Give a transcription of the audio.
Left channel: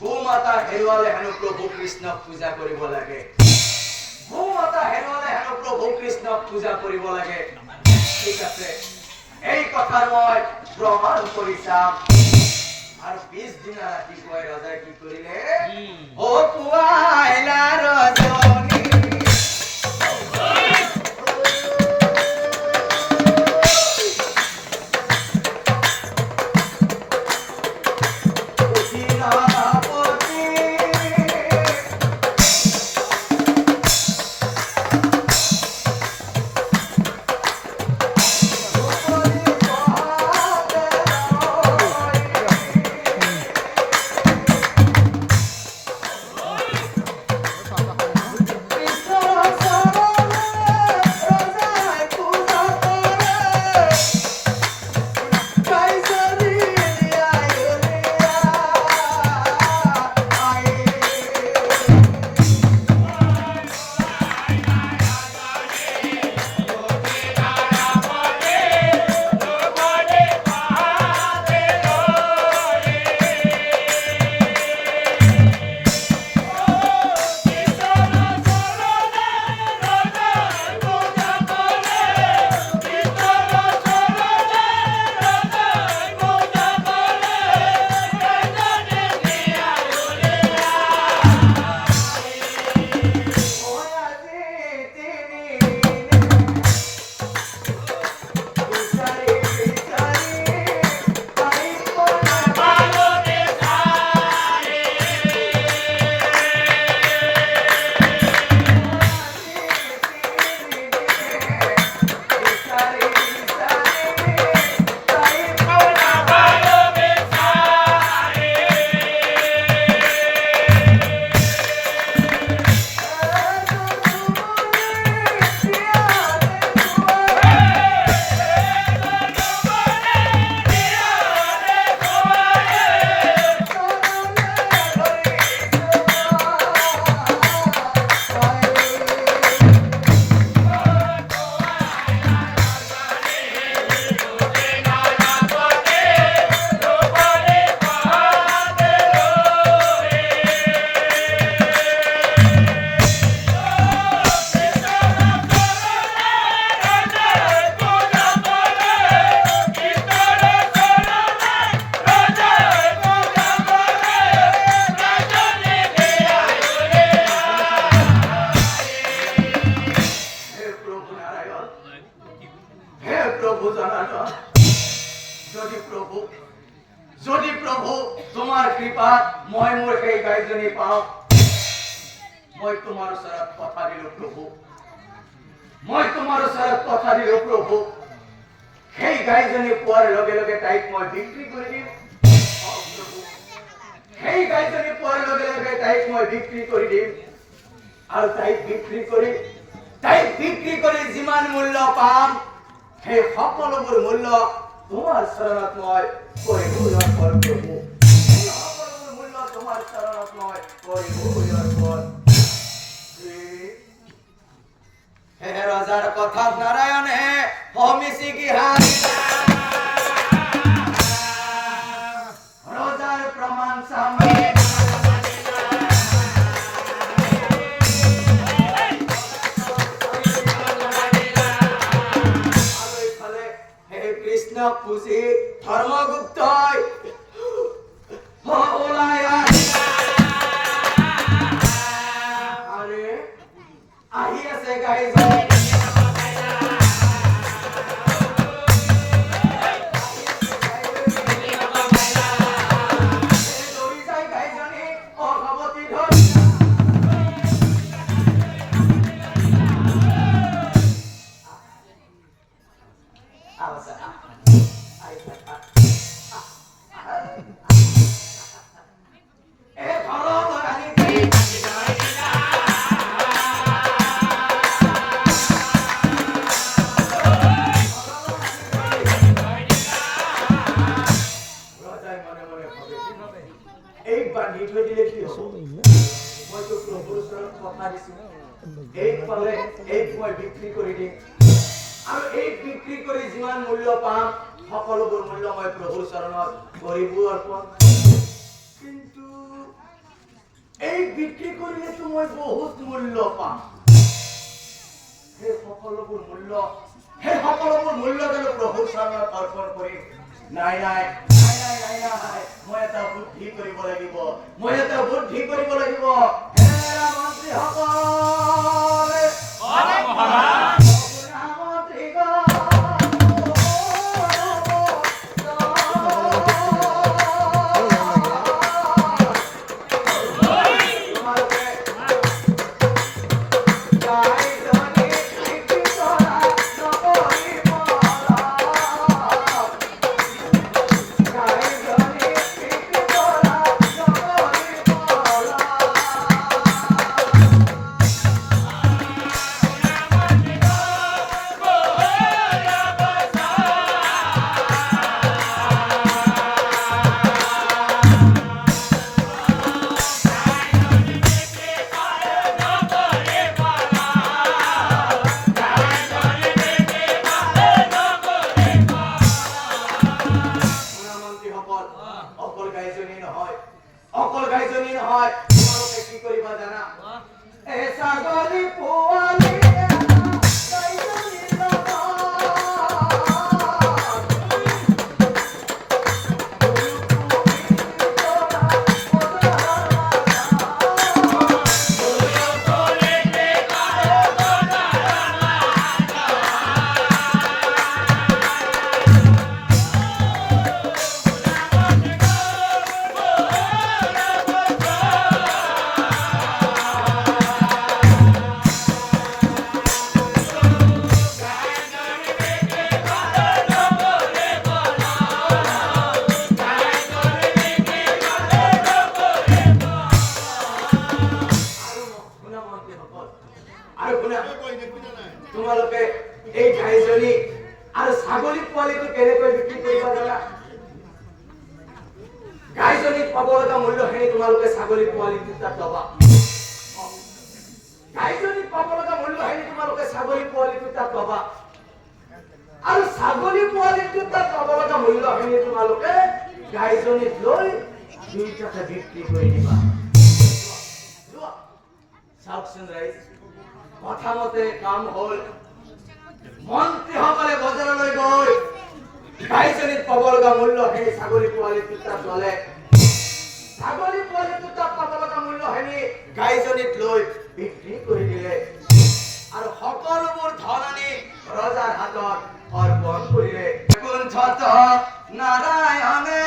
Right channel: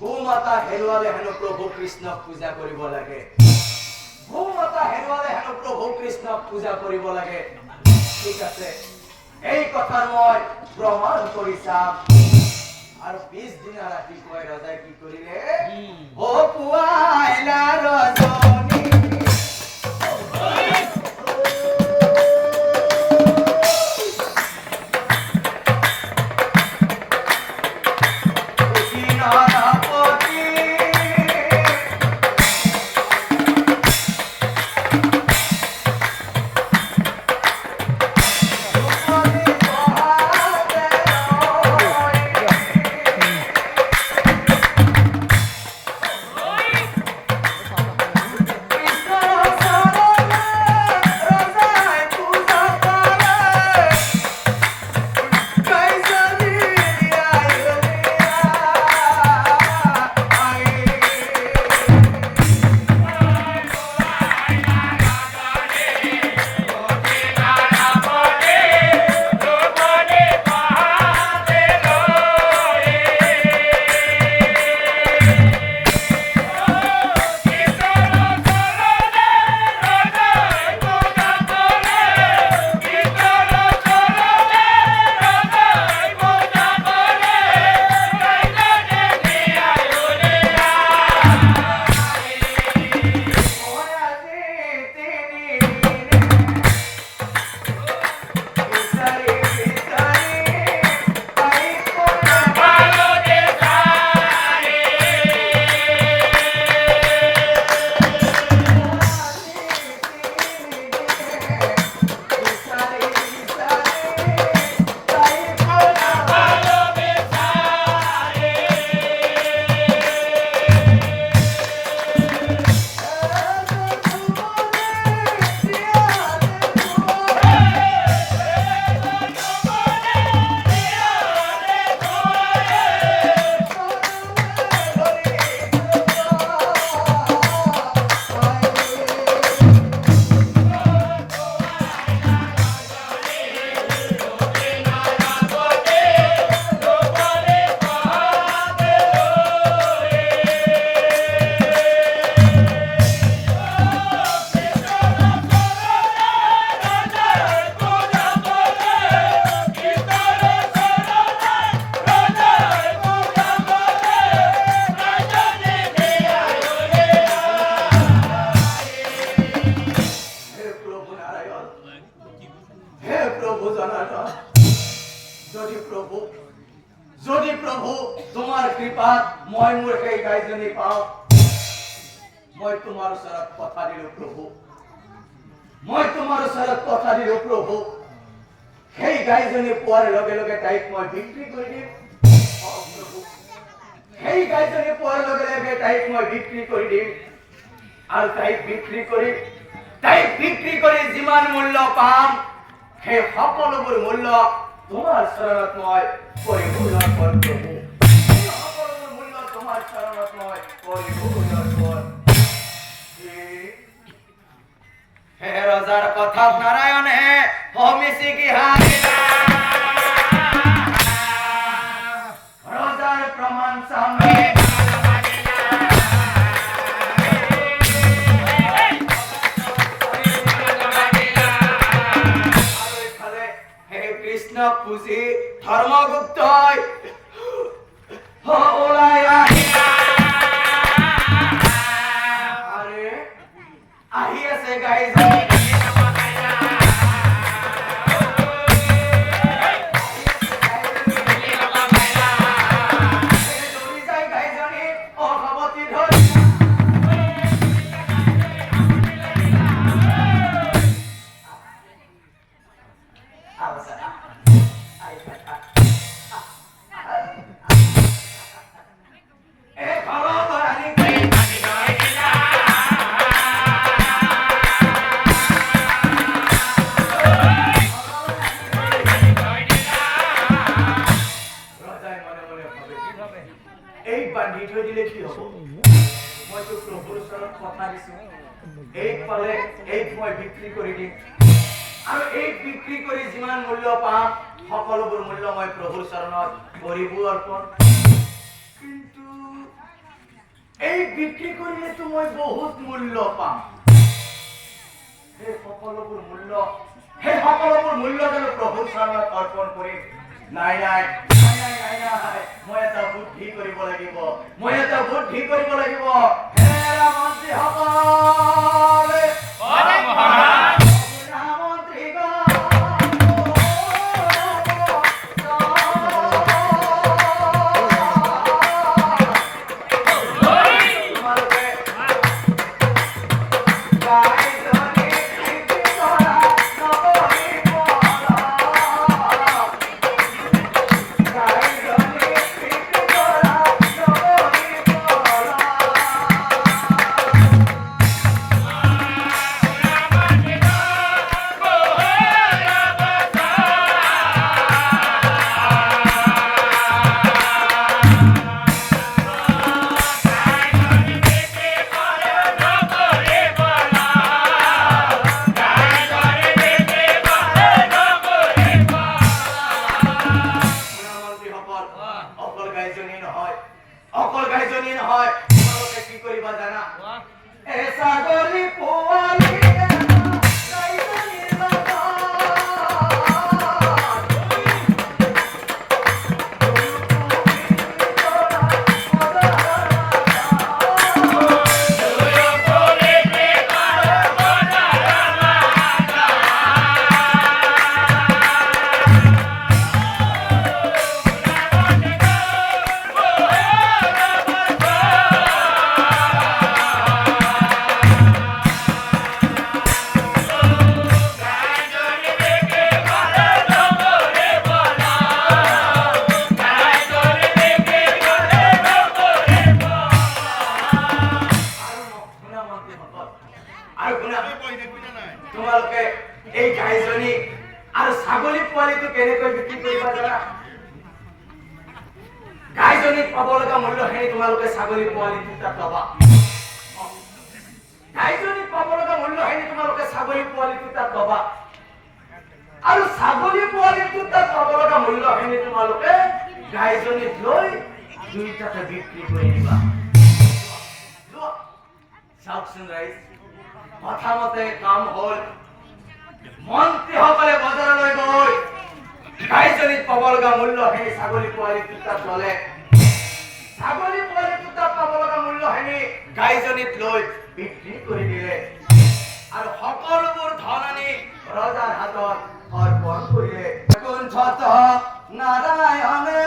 গোমাতা হেৰুৱালে হেনো প্ৰভু কৃষ্ণক পূজা কৰিব লাগে। গোমাতা হেৰুৱালে হেনো প্ৰভু কৃষ্ণক পূজা কৰিব লাগে। ঠিক আছে, এই কথা মই প্ৰমাণ কৰি চাম। আৰু পিছদিনা ৰাতিপুৱাই ৰজাই কি কৰিলে? অ পুৱাইলা ৰজনী যদি প্ৰভু তোমাৰ কৃপাত মই মোৰ সেই গাইজনী পাওঁ, মই তোমাৰ ওচৰত কথা দিলো প্ৰভু, মই তোমাৰ ওচৰত কথা দিলো প্ৰভু, সেই গাইজনী পোৱাৰ লগে লগে তাইক মই বিক্ৰী কৰি দিম। সেই গাইজনী পোৱাৰ লগে লগে তাইক মই বিক্ৰী কৰি দিম। আৰু তাই বিক্ৰী কৰি যিমান মূল্য পাম সেই সকলোবোৰ মূল্য তোমাৰ চৰণত মই পৰিপূৰ্ণ কৰিম। সকলোবোৰ মূল্য তোমাৰ চৰণত মই পৰিপূৰ্ণ কৰিম। হে ৰজাৰ কথাত নাৰায়ণে হমিছি কি ৰজাৰ প্ৰমাণ চামে কৃষ্ণক পুজি ধৰ্মগুপ্তই ওলাই আহি আছে গাইজনী বিক্ৰী কৰি দিম আৰু এই বিক্ৰী কৰি যিমান মূল্য পাম সকলোবোৰ মূল্য মই প্ৰভুৰ চৰণত কৰিব অৰ্পণ। কিন্তু এই বিক্ৰী কৰিলেতো মই বহুত মূল্য পাম। সেই সকলোবোৰ মূল্য জানো প্ৰভুৰ চৰণত অৰ্পণ কৰিম? নাই নাই নাই নাই নাই নাই মই এটা বুদ্ধি কৰিব লাগিব। অকল গাইজনী নহয়, তোমালোকে কি কৰিবা জানা? ছাগলী পোৱালি তোমালোকে এই গাইজনী আৰু ছাগলী পোৱালিটো কেনেকৈ বিক্ৰী কৰিবা জানা? গাইজনীত পাব লগা মূল্যখিনি তোমালোকে ছাগলী পোৱালিটো তাত পাবা। গাইজনীত পাব লগা মূল্যখিনি তোমালোকে ছাগলী পোৱালিটো তাত পাবা আৰু ছাগলী পোৱালিটো তাত পাব লগা মূল্যখিনি তোমালোকে গাইজনীত লৈ দুইটাতে বিক্ৰী কৰি দিবা। চাওকচোন ৰাইজ, কথামতে কাম হ'ল। মন্ত্ৰীসকলে বজাৰলৈ গৈ গাইজনীত পাব লগা মূল্যখিনি ছাগলী পোৱালিটোৰ তাত ল'লে। ছাগলী পোৱালিটোৰ তাত পাব লগা মূল্যখিনি গাইজনীত লৈ বিক্ৰী কৰি দিলে আৰু সকলোবোৰ ধন আনি ৰজাৰ হাতত অৰ্পণ কৰিলে। কুণ্ঠত নাৰায়ণে